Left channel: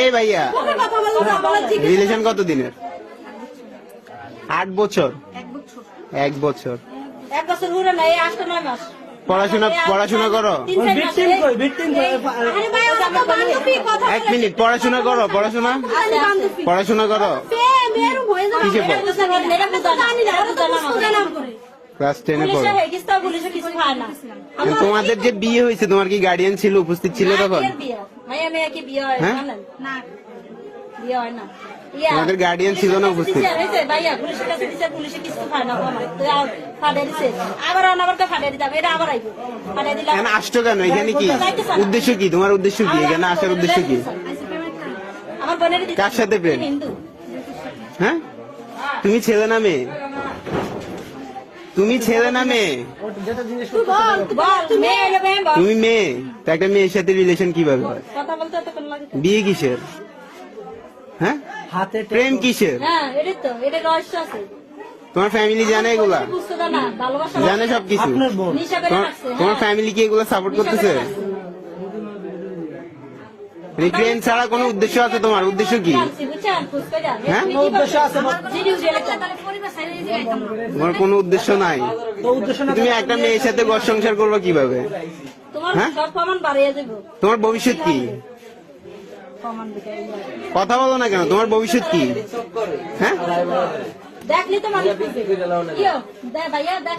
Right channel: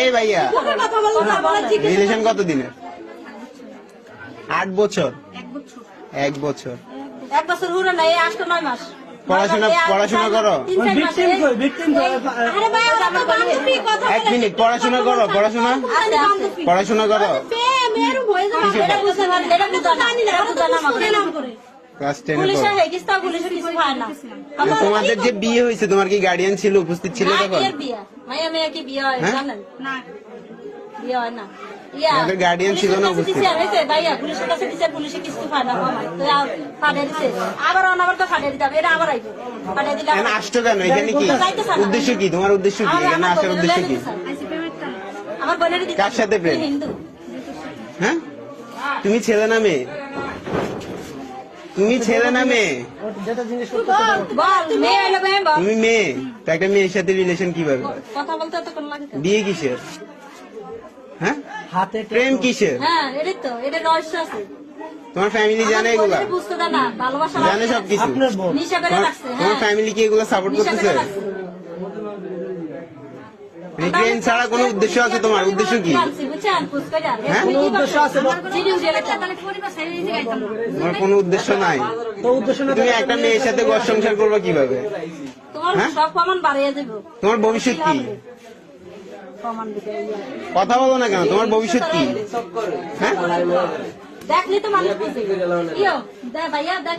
এই ভাইয়া রিলেশন কত দিনের? 8 বছর। 1 বছর। 1 বছর হলো না, এই 8-9 মাস। পড়াশোনা করো? 1 মিনিট, পড়াশোনা করো? পড়াশোনা করো? ক্লাস 10 এ পড়ো। তোমাদের যে বিয়ে হয়েছে, তোমার কি গার্ডিয়ান ছিল, উপস্থিত ছিল তখন? তোমাদের গার্ডিয়ান ছিল না উপস্থিত? আসছো কেন এখানে? কি উদ্দেশ্য, কি তোমার উদ্দেশ্য, কি এখানে আসার উদ্দেশ্য কি? কার সাথে প্রেম? হ্যাঁ, তুমি ছেলে না মেয়ে? তুমি ছেলে না মেয়ে? তুমি মেয়ে, তো একটা মেয়ের সাথে রিলেশন কিভাবে? বিয়ে কিসের? হ্যাঁ, প্রেম কিসের? তোমার ফ্যামিলি জানে এগুলা? জানে সবকিছু? তোমার ফ্যামিলি কি এগুলো সাপোর্ট করতেছে? প্রেম ছাড়া কোনো উদ্দেশ্য আছে তোমার? উদ্দেশ্য কি? তোমার কোনো উদ্দেশ্য নাই? তুমি একটা মেয়ের সাথে ঘর সংসার করবে কিভাবে? তোমার ভবিষ্যৎ কি? কথা বলো না কেন? তোমার ভবিষ্যৎ কি? হ্যাঁ,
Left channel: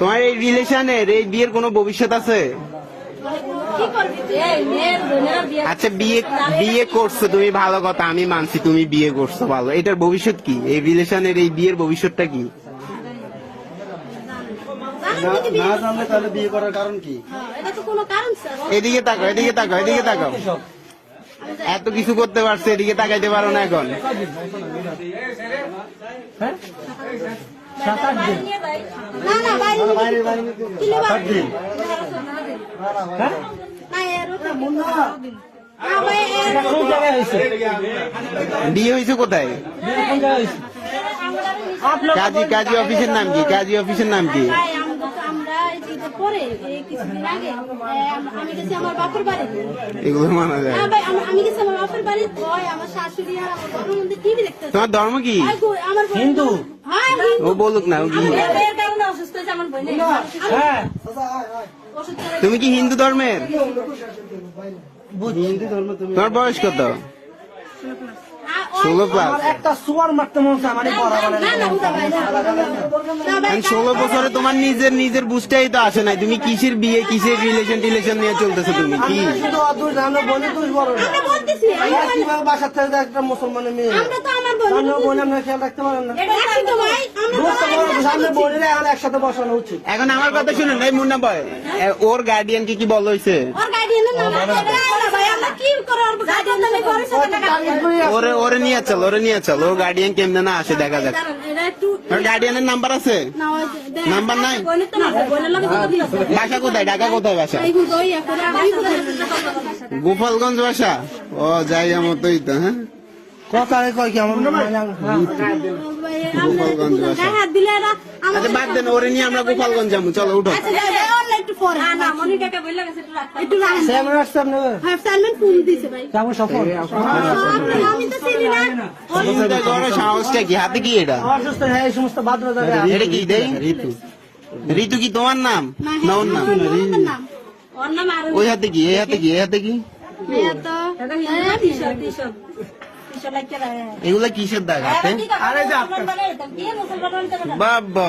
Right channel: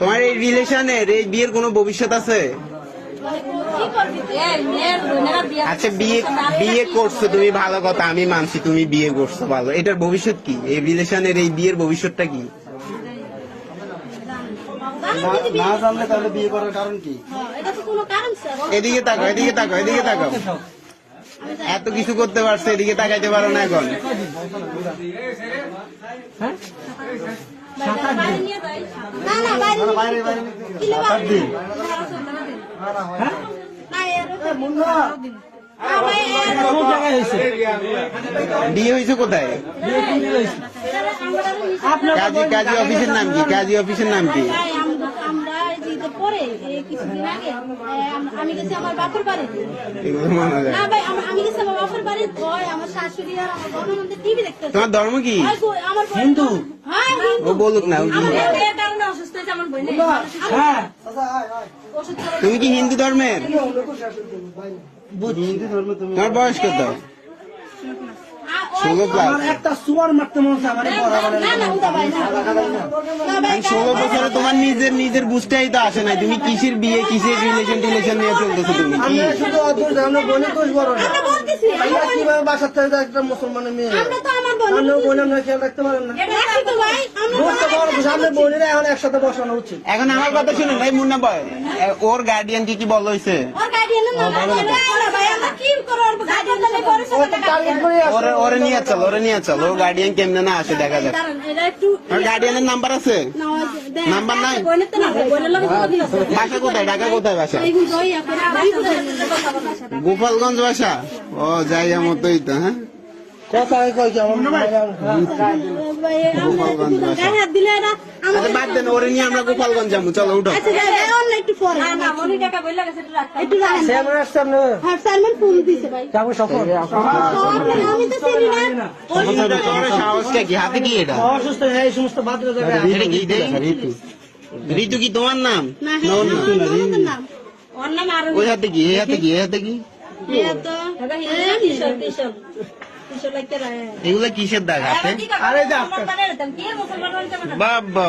তোমার এই রিলেশনের, এই বিয়ের কোনো ভবিষ্যৎ আছে? আচ্ছা, বিয়ে করছো তুমি, ভালো কথা, আমি মানছি তুমি বিয়ে করছো, ভালো। এটার ভবিষ্যৎ কি? এই রিলেশনের এই বিয়ের ভবিষ্যৎটা কি? তাহলে বিয়ে করার কারণ কি? এদিকে তাকাও, এদিকে তাকাও, এদিকে তাকাও। এত কিছু করতে পারছে, এদিকে তাকাইতে পারো না এখন? বিয়ে হয়েছে কোথায়? কাজী অফিসের নাম কি? কাজী অফিসের নাম কি? কিছুদিন আগে আমি গেছি আমার বাপের বাড়িতে। আমি গেছি আমার বাপের বাড়িতে, আমার শাশুড়ি আর আমার বাপের মধ্যে টিভি দেখতে। তোমার ধর্ম কি? আমার হিন্দু। ও বলুক না। অসুস্থ হয়েছে আমার বোন। তুমি কি হিন্দু ধর্মের? তোমার বয়স কত? 16+। একটা সুয়ার মারতে মনে হচ্ছে আমার 16 বছরে তোমার নিজের বুঝতেই তো আসে নাই। তুমি কিসের বিয়ে, কিসের রিলেশন নিয়ে চলতেছো? তুমি কি বাসার থেকে একটা মুসলমানের মেয়ে বোন, আমরা খেয়াল রাখতে পারেন না? বোনের এখন একসাথে বসানো উচিত। এখন আমার কথা শুনেন ভাই, মুন্না ভাই, ওর গার্ডিয়ান কি বল হয়েছে? ওরে নিয়ে চল, ওর গার্ডিয়ান কেমনে না আসে দেখা যাক। গার্ডিয়ানের নাম্বার আছে? নাম্বার নাই? বাসা কোথায়? ঢাকা কোথায় বাসা? গোপালগঞ্জ বাসা? ও যাই আমার তো এইটা। হ্যাঁ, বাদ দেন, ওরে নিয়ে আমরা গোপালগঞ্জ যাবো। চলো উঠো। হাতে কি এটা? ঋতু কি তোমার নাম? ওই হাতে কি? এই হাতে কি? এই হাতে কি? এগুলো কিসের দাগ হাতে? বাবা,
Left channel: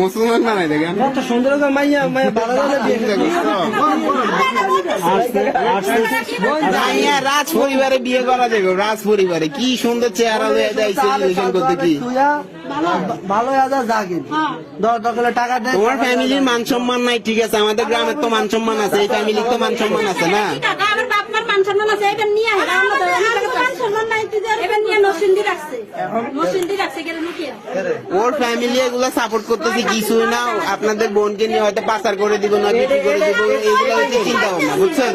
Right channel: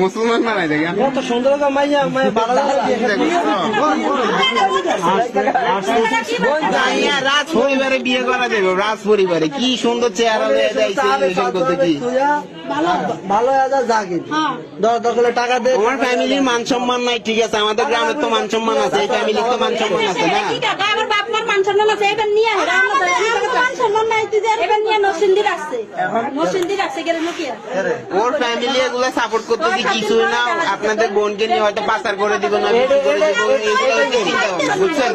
মুসলমান বানাই দেখে সুন্দর রাজ পরিবারে বিয়ে করা যাবে। রাজ পরিবারে কি সুন্দর চেহারা হয়ে যাইছে করতে। কি টাকা দেয়? তোমার ফ্যামিলির মান সম্মান নাই, ঠিক আছে, আমাদের গ্রামের তো মান সম্মান আছে, এই ফ্যামিলির তো মান সম্মান আছে না? ওর ফ্যামিলি এগুলো সাপোর্ট করতেছে কিছুই না। আপনাদের বোনকে নিয়ে হয়তো পাচার করে দিব না, চিন্তা ভাবনা, বুঝছেন?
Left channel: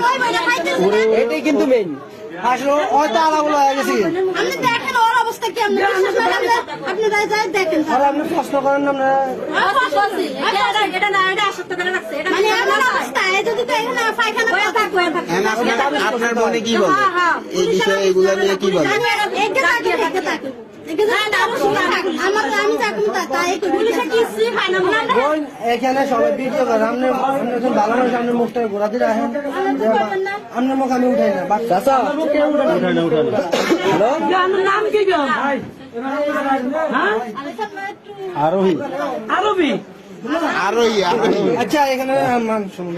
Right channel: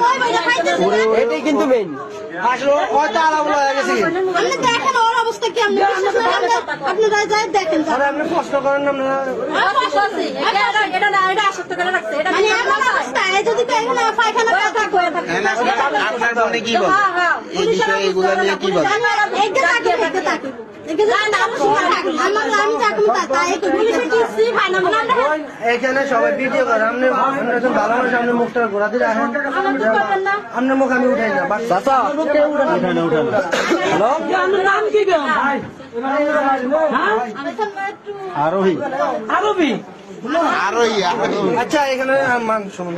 এটাই কিন্তু মেইন। আসলে কি আপনারা যা দেখেন আর আপনি প্রশ্ন করেন না আমরা মানে আপনারা রাস্তায় যদি দেখেন পায়খানা আপনার জন্য কি বলে এই বিষয়ে এগুলো নিয়ে কি বলে আমি চাকরি তাই কিছু হয় না মানে ওই এখানে সবাই ভিডিও করে আপনি একজন ভালো মানুষ আপনি মুখটা ঘোরা দিয়ে রাখেন আপনার মুখ আমি উঠাই না চাচা হ্যালো আরোহী আচ্ছা এখানে মান শুনুন